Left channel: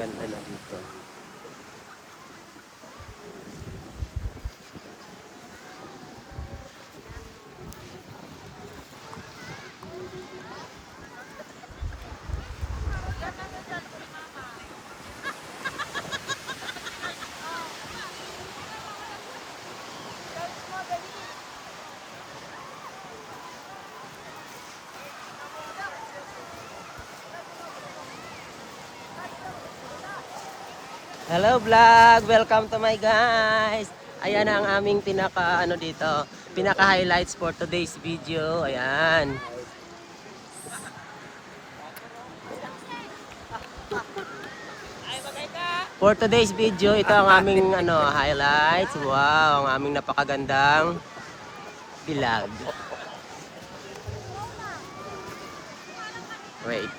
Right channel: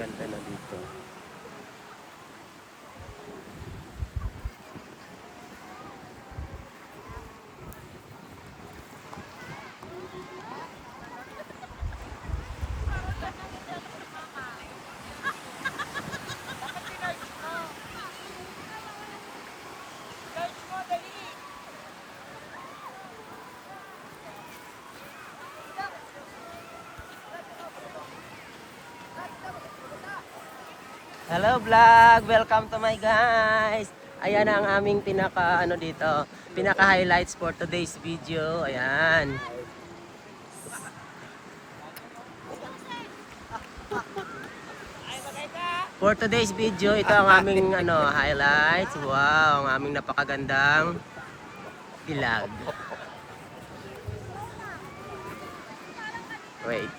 ganda na dito. Hello vlog! Welcome to my guys! Ayan ang aming pinaka dito, pinaka highlights for today's video. Ayan. For today's video, ito ang aming highlights. Wow, ang aming napakagandang vlog. Wait.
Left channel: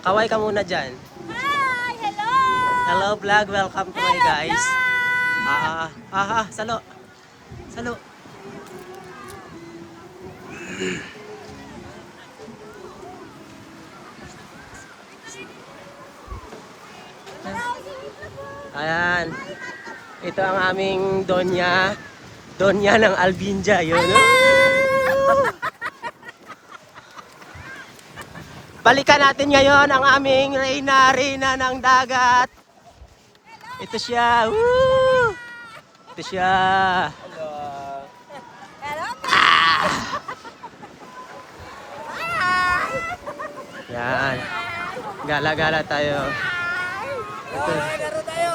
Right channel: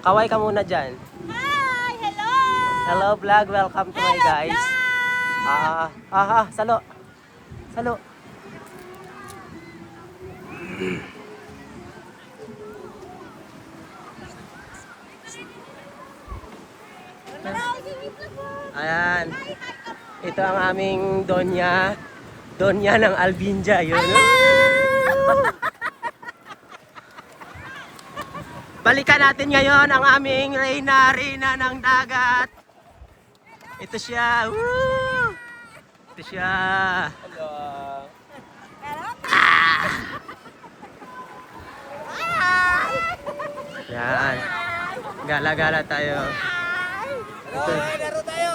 Kaway ka muna dyan. Hi! Hello! Hello vlog, welcome to my guys. Salo. Salo. Ayan. Ito ang aming Donya. Donya ng Albinja, yun. Balikan natin ngayon ang aming Reyna ng dagat. Ito siya. Woo! Ito siya. Hello. Yan. Gala-gala tayo. Ito. Laro tayo.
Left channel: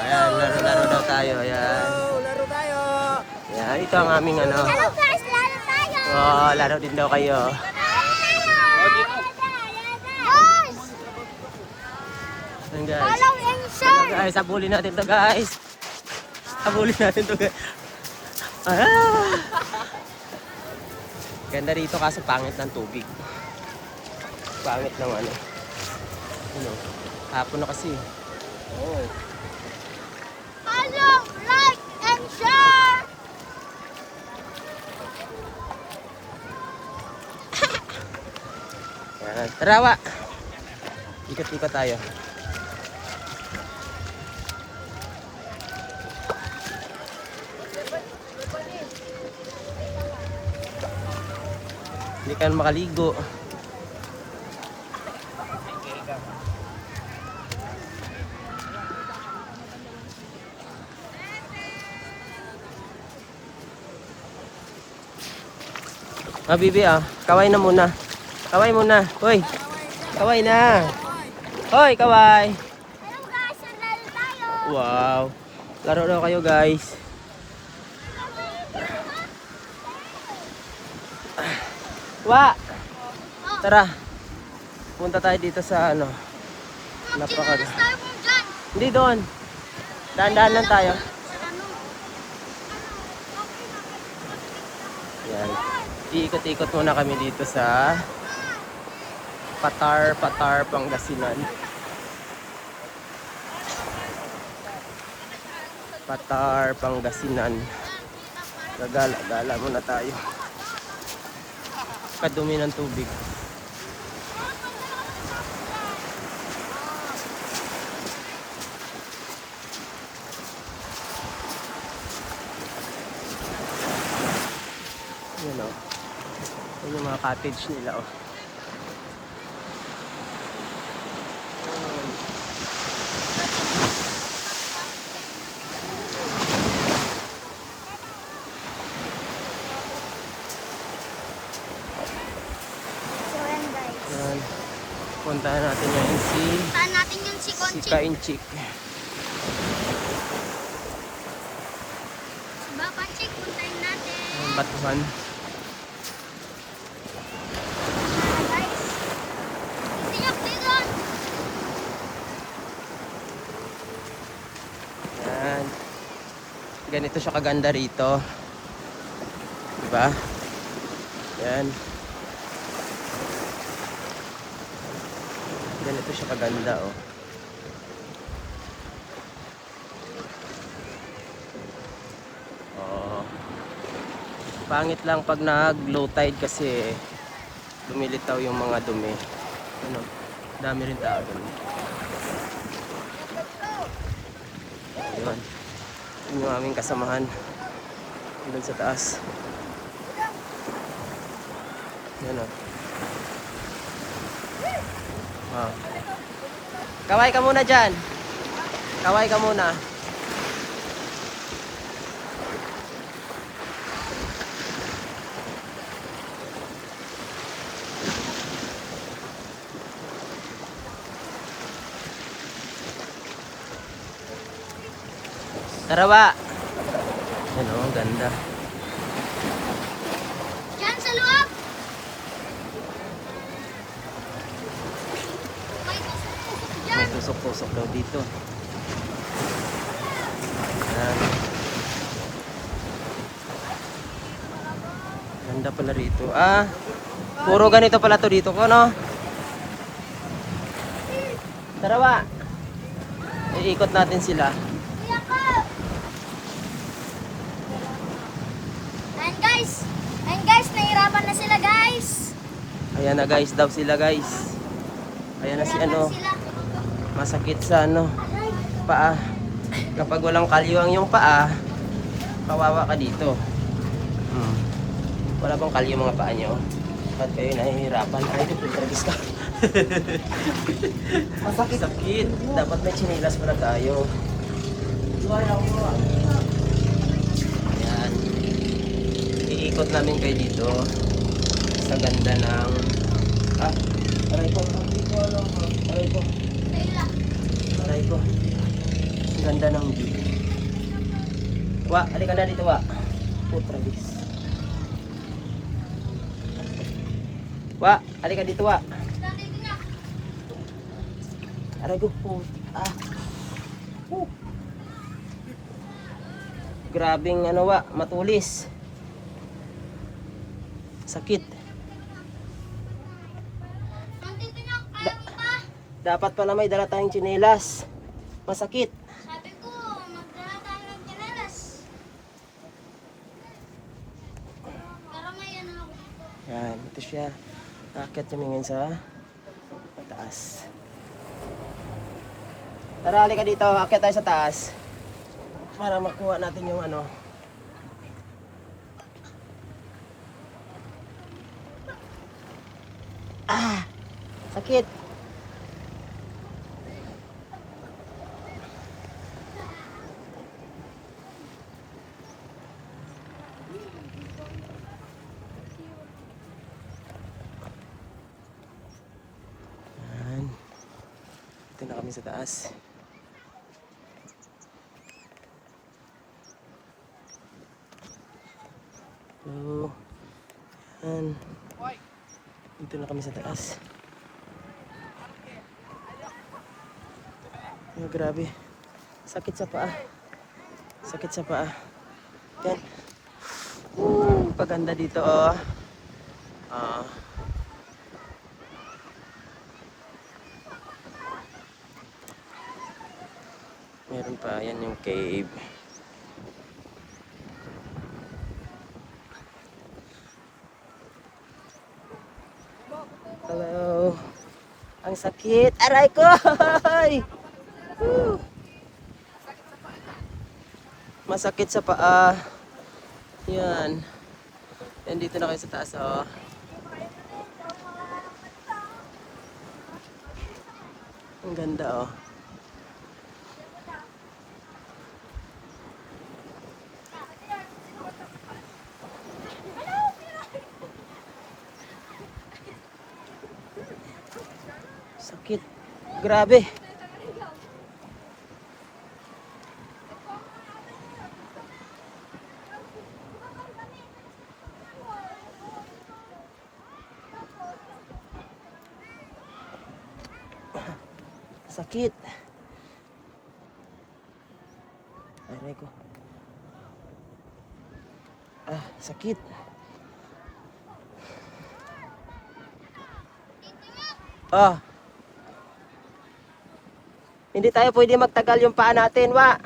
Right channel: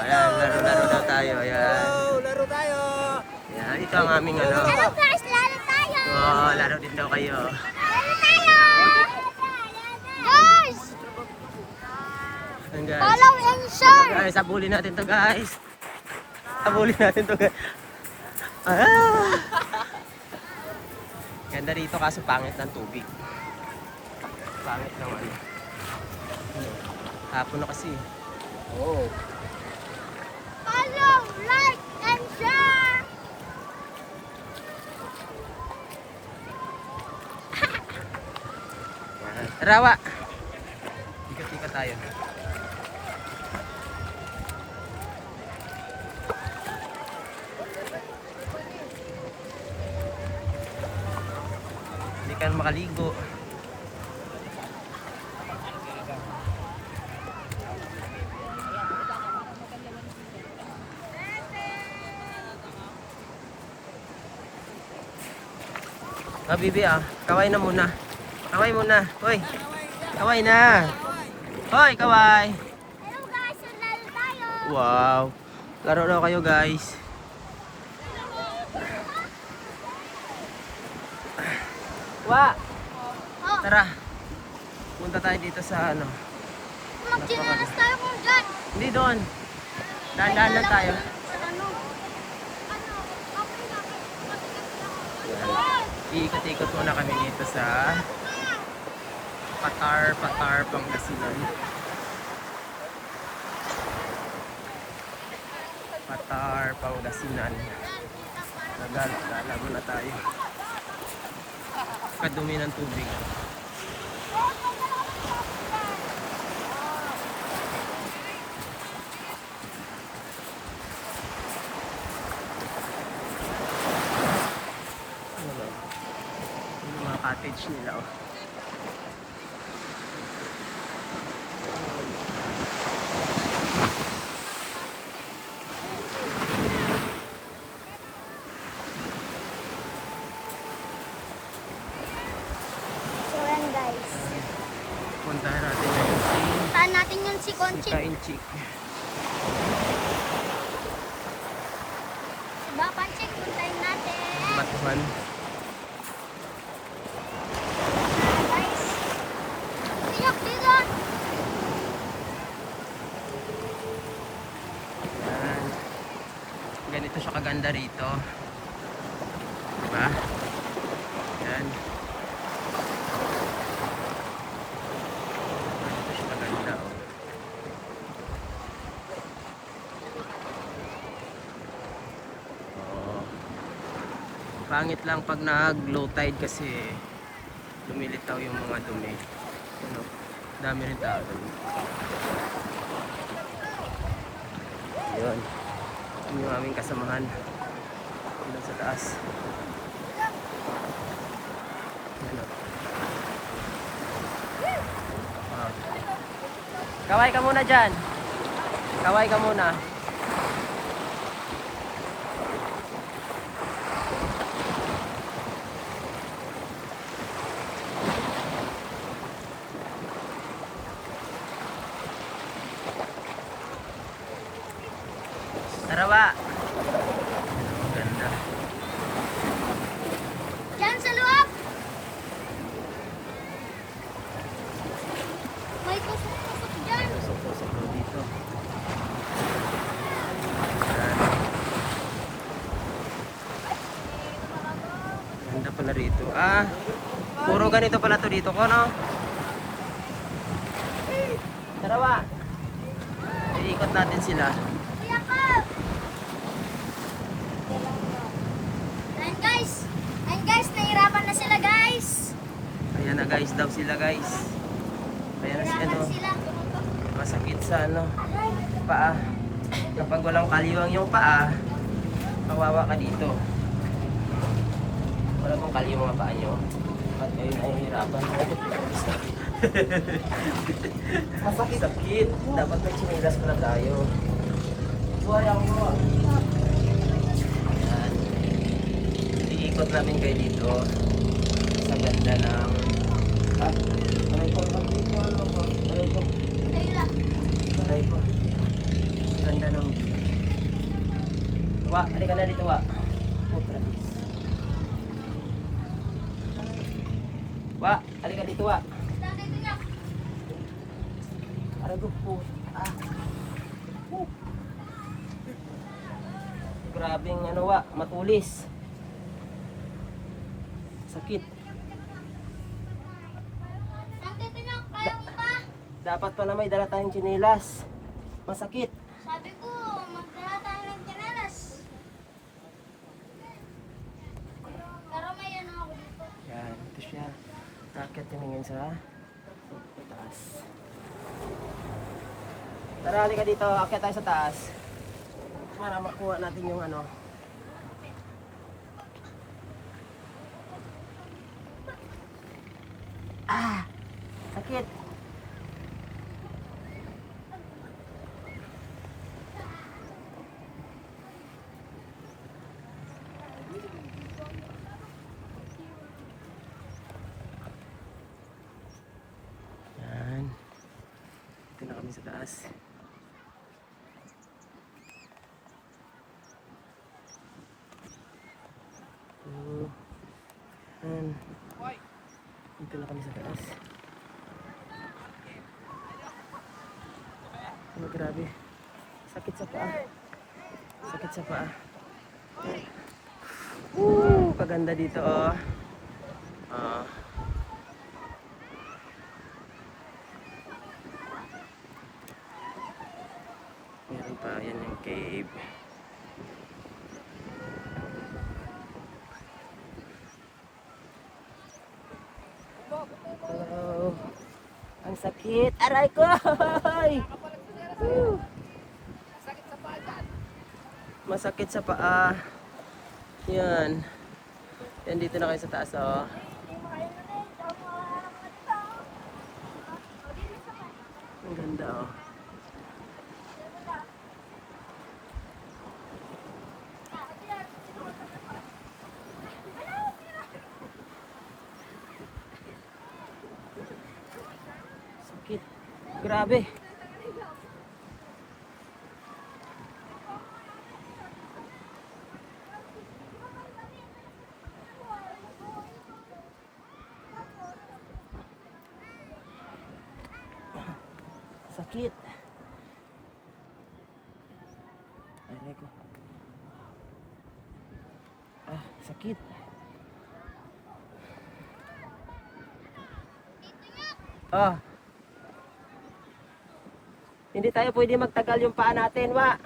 Ayan, laro daw tayo. Ayan. Laro tayo. Yan, ito ang aming Hello guys! Lalo tayo! Oh, laro din daw kayo. Guys! Ayan guys. Follow and share! Guys, habulin natin to guys. Habulin natin to guys. Ganda rito kasi pangit ng tubig. Pangit ng hapon na kasi. Oh. Follow, like, and share! Yan. Rawa. Ikot-ikot tayo. Hindi ka makaligo. Bibi kaway na muna. Kaway muna. Hoy. Kaway na. Hoy, kaway. Hello guys! Lalo tayo! Wow. Laro daw kayo, guys. Tara. Punta tayo dito sa Magkinalas tayo kung dyan! Hindi doon. Daan-daan lang tayo. Yan. Iikot-ikot muna kami dito sa Patar, Pangasinan. Patar, Pangasinan. Nagala muna tayo. Kadumi ng tubig. Yung mga cottage nila So yan guys. Ayan. Puntahan natin ngayon Saan natin yung si si Conchi? Kainchi. Baka check puntahin natin. Ayan, batuhan. Guys. Pinok dito! Ayan. Ganito siya kaganda rito. Diba? Ayan. Ganito siya kaganda Pangit lang pag nag-low tide kasi lumilitaw yung mga dumi. Ano, dami rin tao doon. Ayun. Yun yung aming kasamahan. Doon sa taas. Yan o. Ah. Kaway ka muna dyan. Kaway ka muna. Tarawa. Yan o, ang ganda. Diyan sa loob. May kusok dyan. Tusok-tusok daw dito. Yan. Ganda pala rito. Ah, puro ganito pala to dito ko, no? Tarawa. Iikot natin sila. Kuya ko. Ayan guys, nahirapan na sila guys. Ayan na guys, daw sila guys. Ayan na si ano, Sila. masakit sa ano, paa. Kapag walang kalyo ang iyong paa, kawawa ka dito. Wala bang kalyo mga paa nyo? Ba't kayo nahihirapan? Masakit. Sakit. Dapat may chinilas pala tayo. Ayan. Iikot namin kayo dito sa ganda ng aray ko, aray ko, aray ko. Ganda ng view. Wa, halika na dito, Wa. Putragis. Wa, halika dito, Wa. Aray ko po. Grabing ano, Wa, matulis. Sakit. Nandito niya, kaya mo pa. Dapat pala may dala tayong tsinelas. Masakit. Sabi ko, magdala tayo ng tsinelas. Pero may ano ako. Yan, ito siya. Kakit tumingin sa taas. Tara, halika dito. Akit tayo sa taas. Para makuha natin yung ano. Ah! Sakit! Yan. Ito na kami sa taas. So, yan. Dito na kami sa taas. Oh, grabe. Sakit sa paa. Sakit sa paa. Yan. Kaganda dito, oh. Ah. Meron pa, yan yung cave. Hello. Ang sakit. Aray ko! Woo! Masakit sa paa. Yan. Yan, dito na kayo sa taas, oh. Ang ganda, oh. Sakit. Grabe. Sakit. Aray ko. Ah, sakit. Ah. Hindi tayo pwede magtagal yung paa natin, Wa.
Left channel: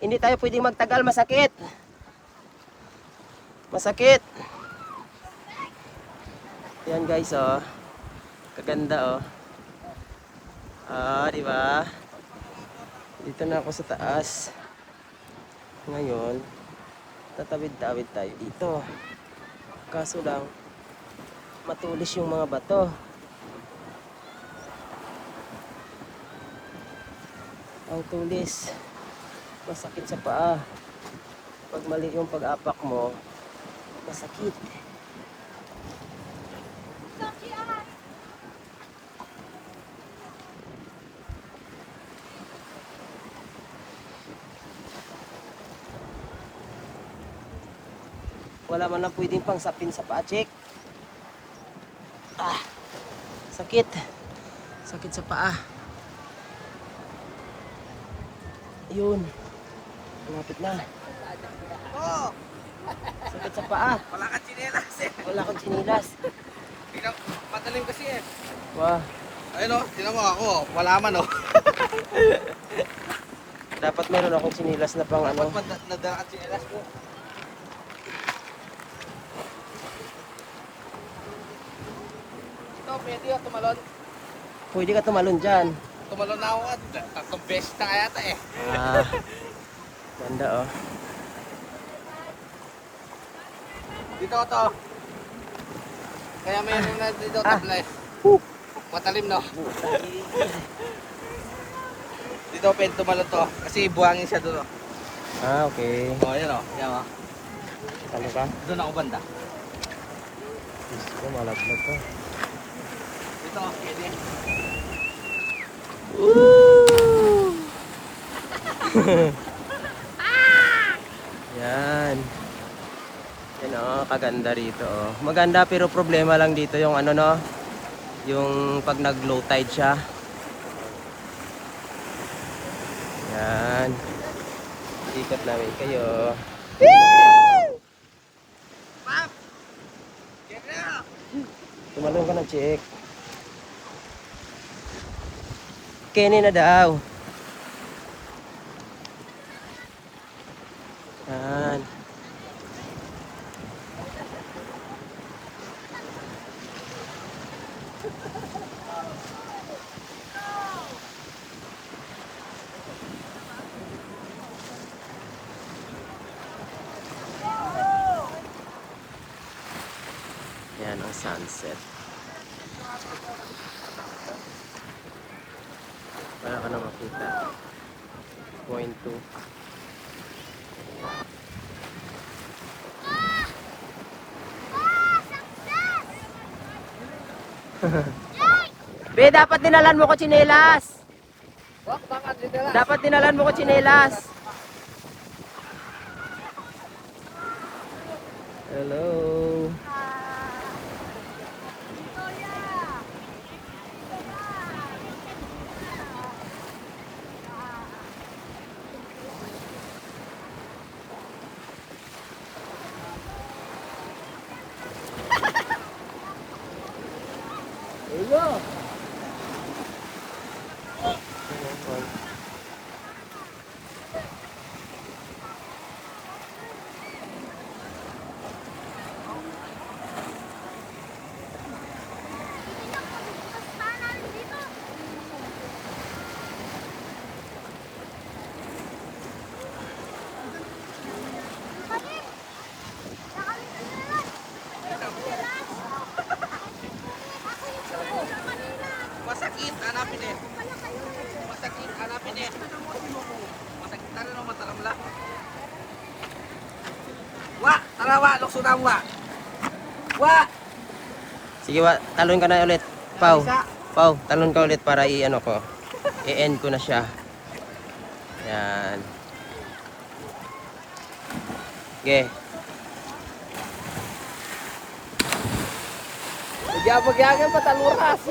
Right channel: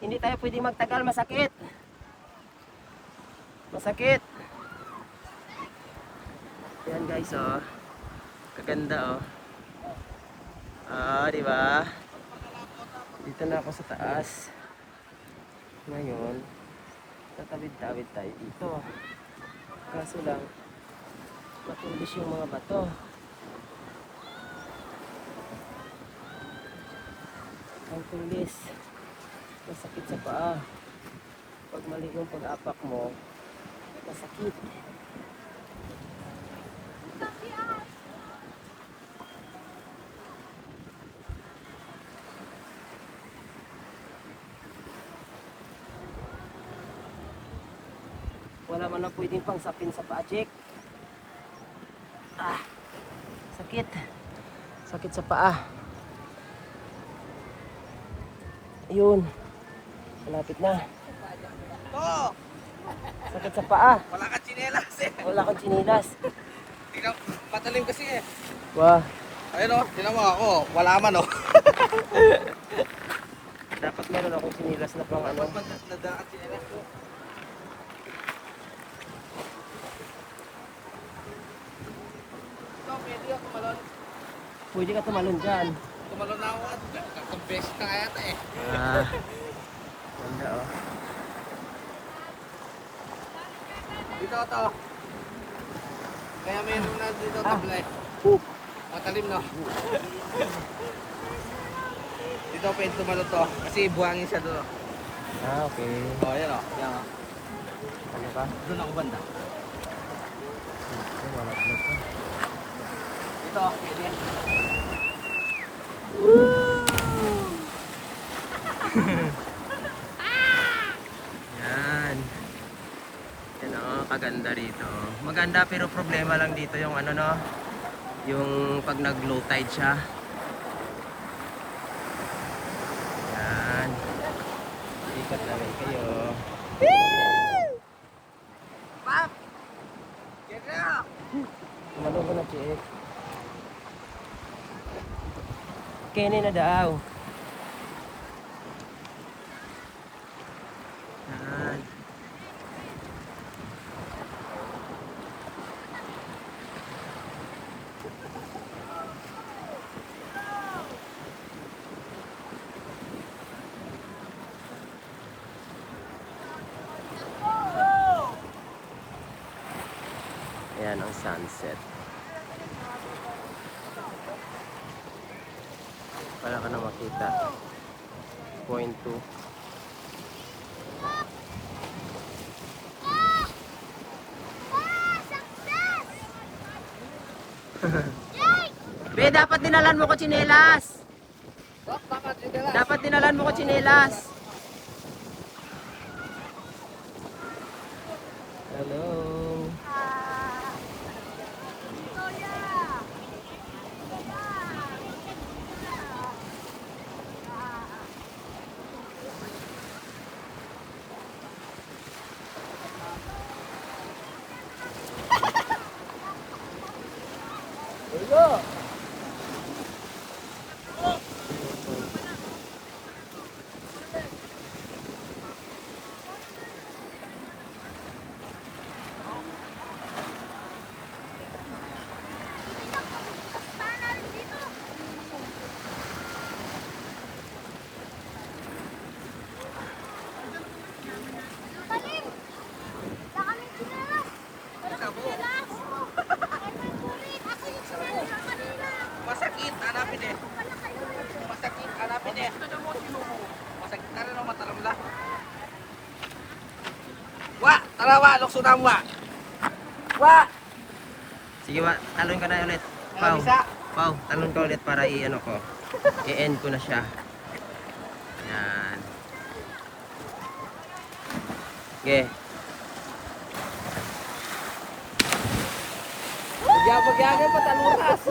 Hindi tayo pwede magtagal, masakit. Masakit. Yan guys, oh. Kaganda, oh. Ah, di ba? Dito na ako sa taas. Ngayon, tatawid-tawid tayo dito. Kaso lang, matulis yung mga bato. Ang tulis. Masakit sa paa. Pag mali yung pag-apak mo, masakit. Wala man na pwedeng pang sapin sa paa, check. Ah, sakit. Sakit sa paa. Yun. Malapit na. Sakit sa paa. Wala kang tsinelas eh. Wala kang chinilas. Tingnan, patalim kasi eh. Wow. Ayun o, tingnan mo ako. Wala man o. Dapat meron akong chinilas na pang ano. Nadaan tsinelas ko. Ito, pwede ako tumalon. Pwede ka tumalon dyan. Tumalon na ako at tatlong beses na kaya ata eh. Ah. Ganda, oh. Dito ito. Kaya meron na dito tablay. Matalim no. Dito pwede tumalon to. Kasi buhangin siya doon. Ah, okay. O, yan o. Yan o. Talaga? Doon ako banda. Oh, malaglag to. Dito, pwede. Yan. Yan, oh, kaganda rito, oh. Maganda pero problema lang dito yung ano, no? Yung pag nag-low tide siya. Yan. Ikat namin kayo. Pap! Get na! Tinanong ka ng check. Kenny na daw. Yan. Ayan ang sunset. Para ka na makita. Point 2. Be, dapat dinalan mo ko tsinelas. Dapat dinalan mo ko tsinelas. Hello. Masakit, hanapin eh. Masakit, hanapin eh. Masakit na rin naman talaga. Wa! Tara wa! Lukso na wa! Wa! Sige, talon ka na ulit. Pau. Pau, talon ka ulit para i-ano ko. I-end ko na siya. Yan. Okay. Magyabag-yagan pa taluras.